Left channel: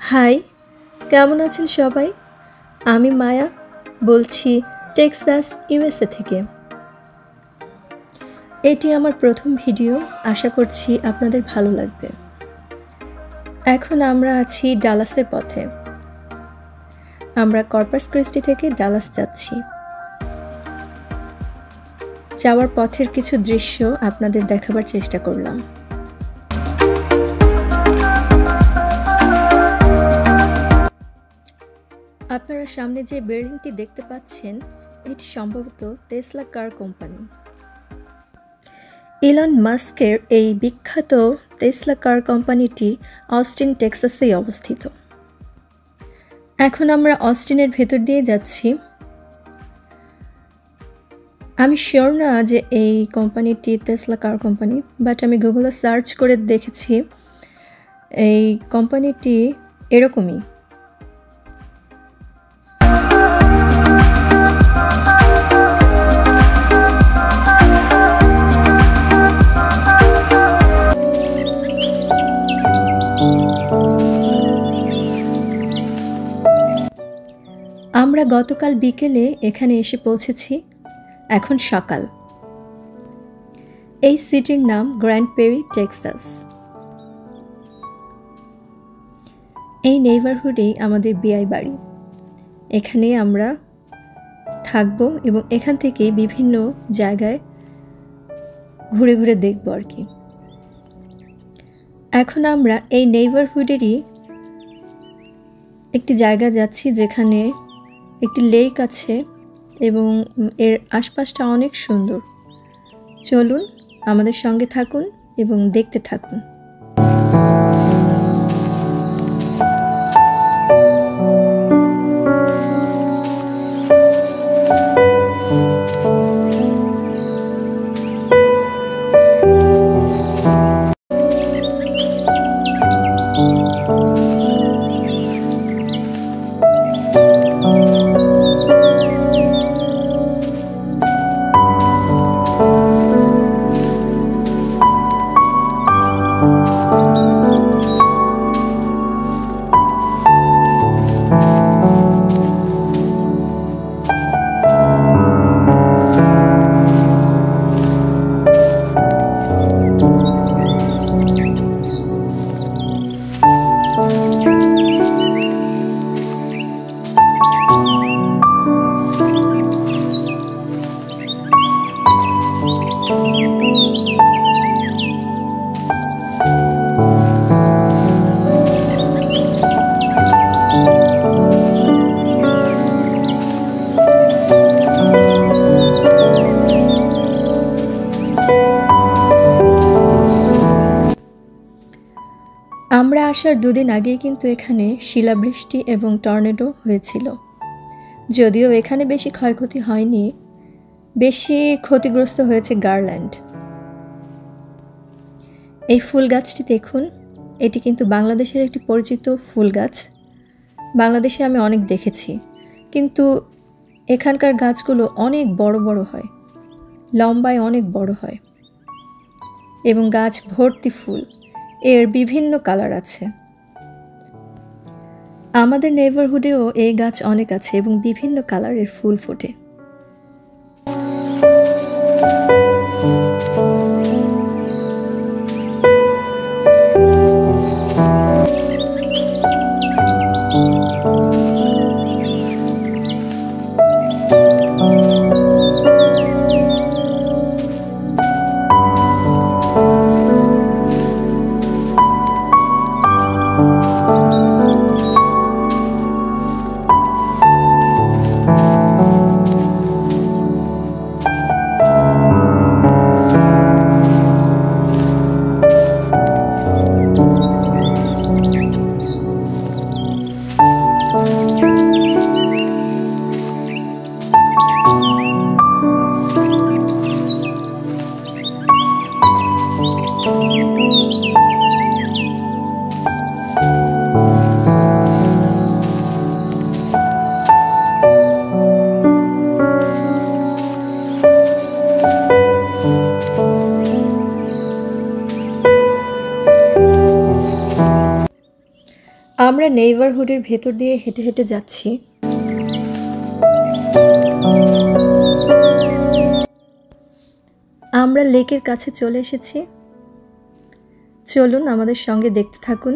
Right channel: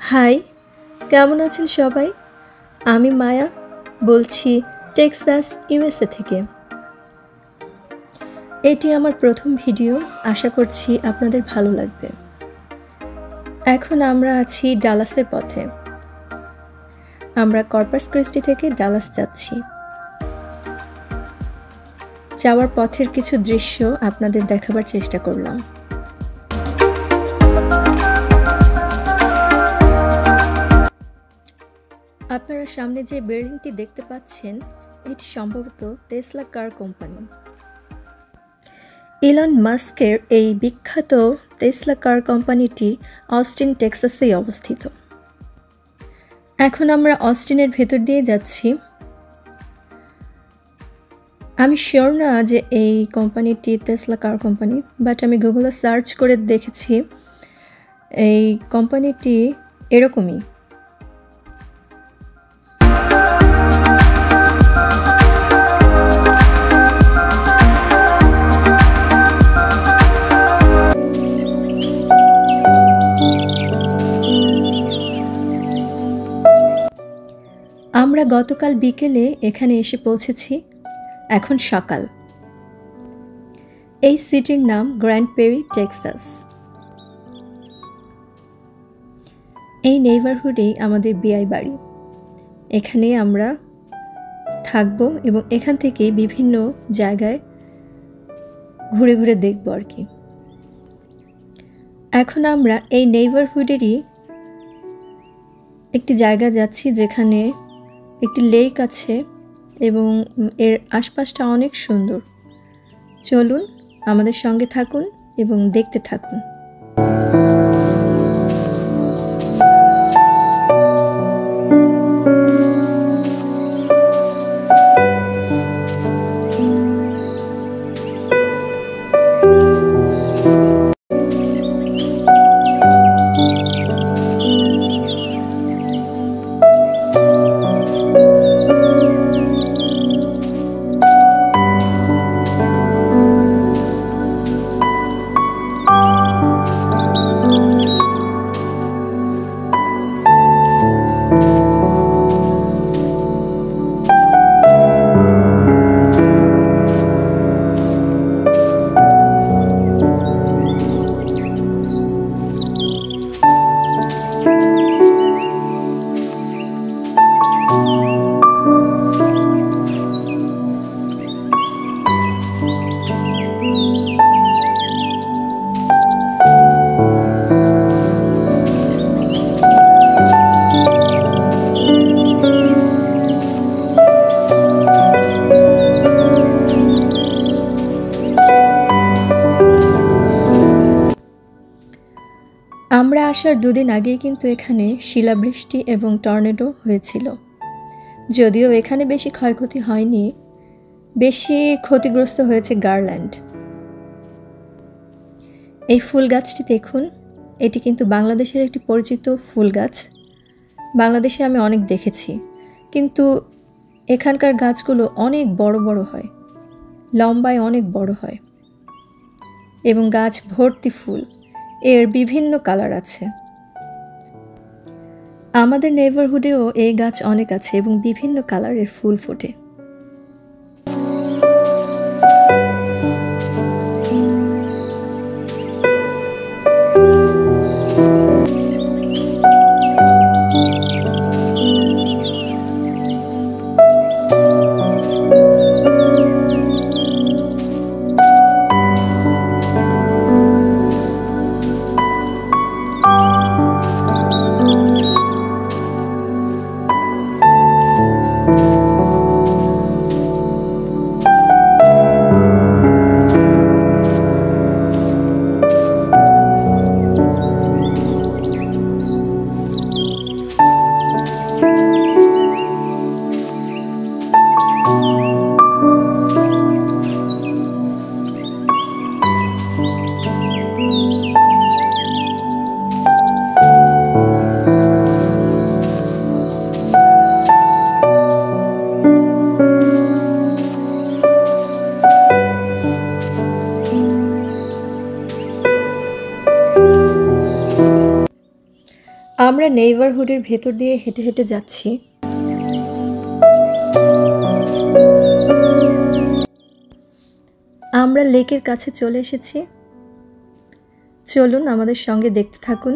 High, কেমন আছেন সবাই? আমি মায়া বলছি টেক্সাস ইউএসএ থেকে। এটি আমার প্রথম ভিডিও, আশা করছি আপনাদের ভালো লাগবে। এখন আমরা আছি ডালাসের পথে। আমরা কর্পাস ক্রিস্টি থেকে ডালাস যাচ্ছি। যাওয়ার পথের কিছু দৃশ্য আপনাদের দেখাবার চেষ্টা করলাম। আপনারা সামনে যে বিল্ডিংটি দেখতে পাচ্ছেন, এটি সম্ভবত টেসলা কার কোম্পানি। ইলন মাস্কের এই বিখ্যাত টেসলা কার কোম্পানিটি অস্টিন টেক্সাসেই অবস্থিত। এখন আমরা অস্টিনের ভেতর দিয়ে যাচ্ছি। আমি শিওর না যে এই কোম্পানিটি টেসলা কার কোম্পানি, বাট আমি গুগলে সার্চ করে দেখেছি এই কোম্পানিটি এরকমই। আমরা গতকাল বিকেলে এখানে এসে পৌঁছেছি। এখন সকাল। এই সিটির নাম গ্র্যান্ড পেরি, টেক্সাস। এই নেইবারহুডেই আমাদের বিআই বাড়ি। এখানে আমরা থাকবো এবং এখান থেকে বিভিন্ন জায়গায় ঘুরে ঘুরে দেখব আর কি। এখন আমরা এই নেইবারহুডেরই একটি জায়গা যাচ্ছি যেখানে একটি লেক আছে এবং এর আশপাশটা অনেক সুন্দর। চলুন আমাদের সঙ্গে থাকুন এবং দেখতে থাকুন। আমরা আসার দুদিন আগেই কিন্তু এখানে শিলাবৃষ্টি এবং টর্নেডো হয়েছিল। যদিও এখানে বেশি ক্ষয়ক্ষতি হয়নি, বেশি ক্ষতিগ্রস্ত হয়েছে গার্ল্যান্ড। এই ফুল গাছটি দেখুন, এটি কিন্তু বাংলাদেশের একটি পরিচিত ফুল গাছ। বাংলাদেশে আমি অনেক দেখেছি, কিন্তু এখানকার গাছগুলো অনেক বড় বড় হয়, লম্বায় অনেক বড় হয় এবং গাছ ভর্তি ফুল। এর বিভিন্ন কালার আছে। আমাদের নেইবারহুডেও এই গাছ অনেক আছে এবং বিভিন্ন কালারের ফুল ফোটে। আমরা নেইবারহুডের ভেতর দিয়ে হেঁটে হেঁটে যাচ্ছি। আমরা লেকের কাছে চলে এসেছি। চলুন আমাদের সঙ্গে দেখতে থাকুন।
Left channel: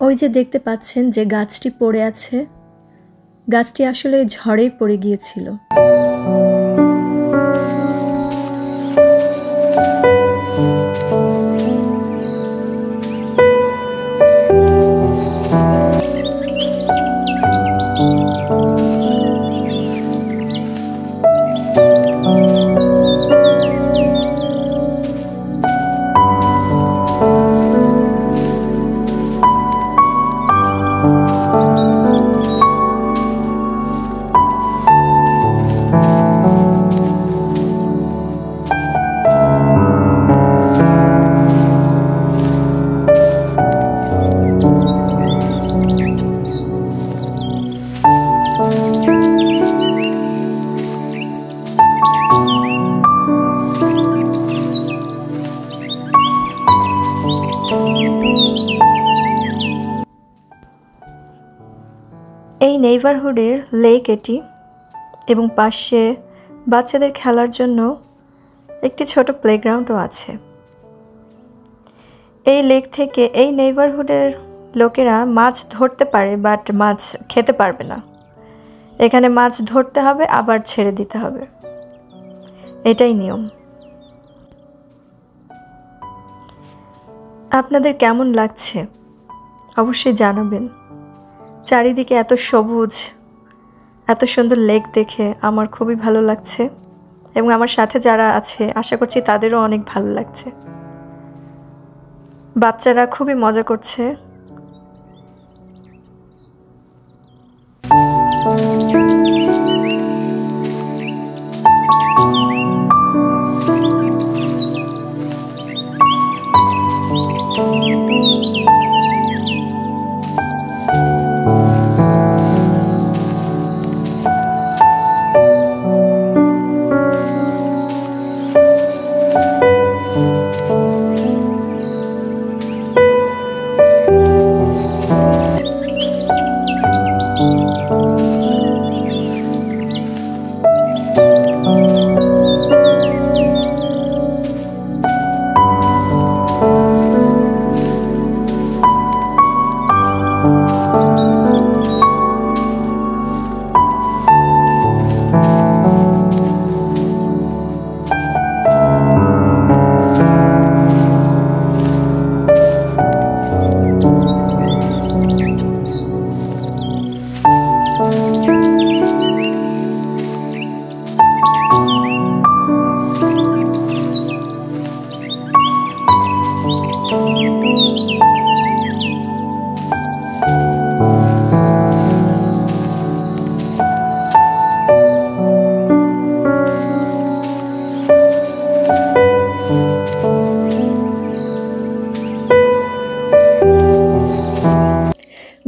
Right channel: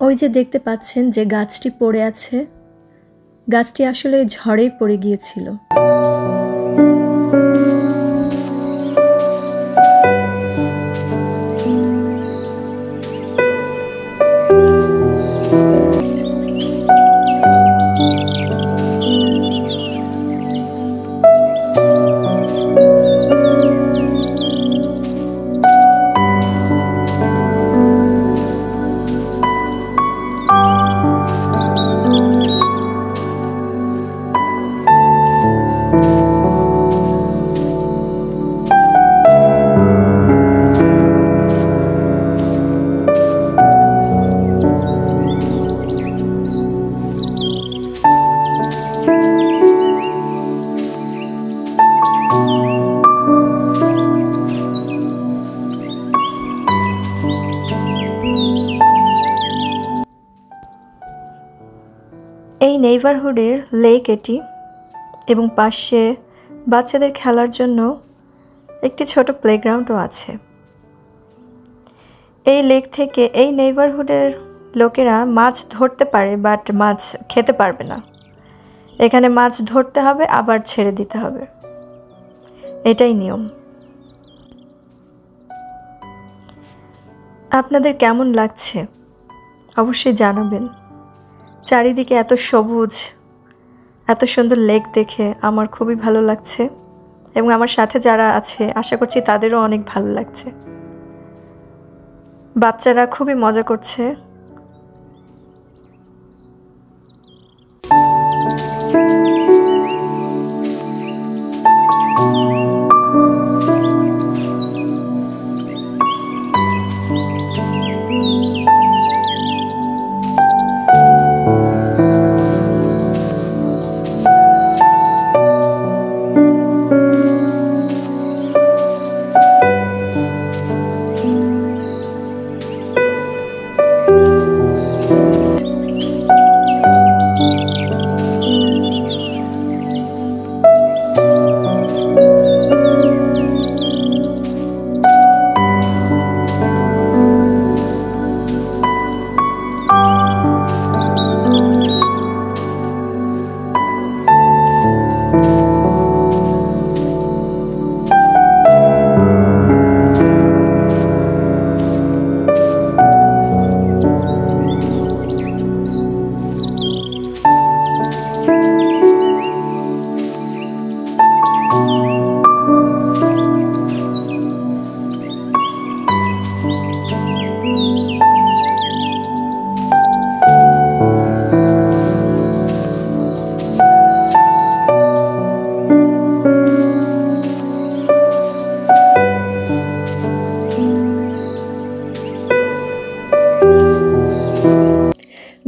ওই যে দেখতে পাচ্ছেন যে গাছটি পড়ে আছে, গাছটি আসলে ঝড়েই পড়ে গিয়েছিল। এই নেইবারহুডের লেক এটি, এবং পাশে বাচ্চাদের খেলার জন্য একটি ছোট প্লেগ্রাউন্ডও আছে। এই লেক থেকে এই নেইবারহুডের লোকেরা মাছ ধরতে পারে, বাট মাছ খেতে পারবে না। এখানে মাছ ধরতে হবে, আবার ছেড়ে দিতে হবে, এটাই নিয়ম। আপনাদের কেমন লাগছে অবশ্যই জানাবেন। চারিদিকে এত সবুজ, এত সুন্দর লেক দেখে আমার খুবই ভালো লাগছে, এবং আমার সাথে যারা আছে আশা করছি তাদেরও অনেক ভালো লাগছে। বাচ্চারা খুবই মজা করছে।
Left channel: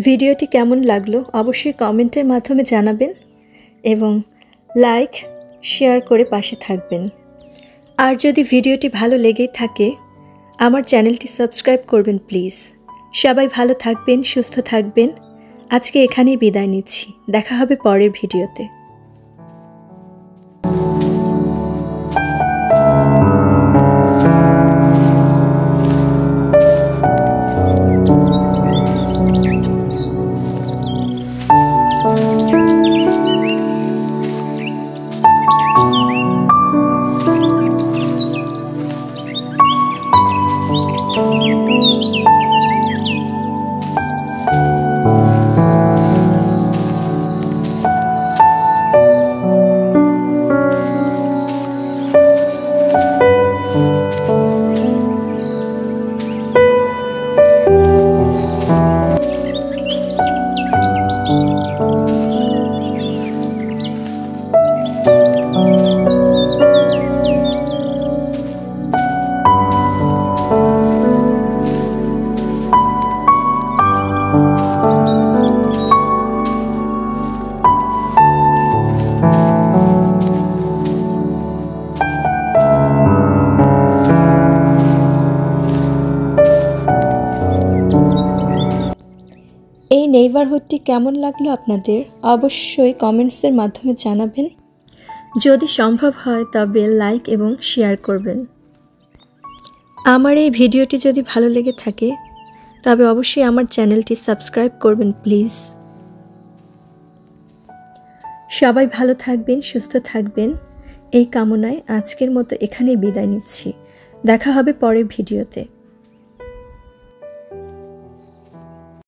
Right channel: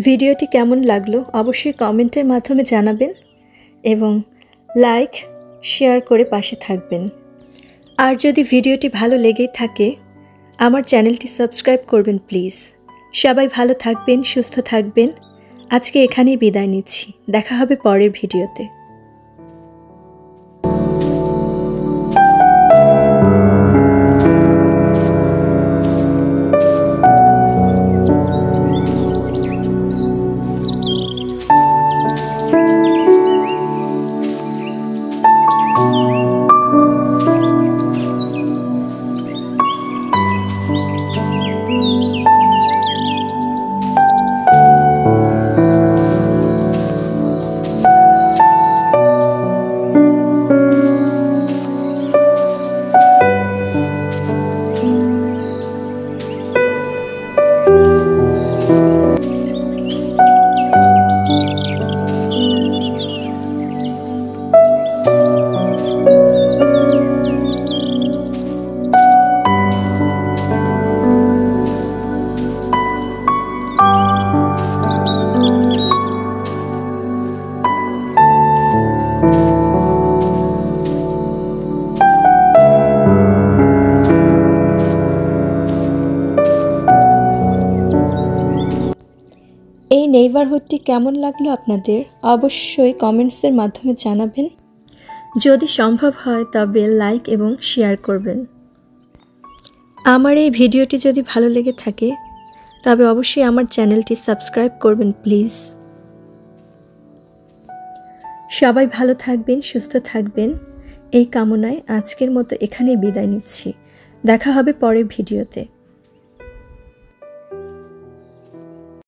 ভিডিওটি কেমন লাগলো অবশ্যই কমেন্টের মাধ্যমে জানাবেন এবং লাইক শেয়ার করে পাশে থাকবেন। আর যদি ভিডিওটি ভালো লেগেই থাকে আমার চ্যানেলটি সাবস্ক্রাইব করবেন প্লিজ। সবাই ভালো থাকবেন, সুস্থ থাকবেন। আজকে এখানেই বিদায় নিচ্ছি। দেখা হবে পরের ভিডিওতে। এই নেইবারহুডটি কেমন লাগলো আপনাদের অবশ্যই কমেন্টসের মাধ্যমে জানাবেন। যদি সম্ভব হয় তবে লাইক এবং শেয়ার করবেন। আমার এই ভিডিওটি যদি ভালো লেগে থাকে তবে অবশ্যই আমার চ্যানেলটি সাবস্ক্রাইব করবেন প্লিজ। সবাই ভালো থাকবেন, সুস্থ থাকবেন এই কামনায় আজকের মতো এখানেই বিদায় নিচ্ছি। দেখা হবে পরের ভিডিওতে।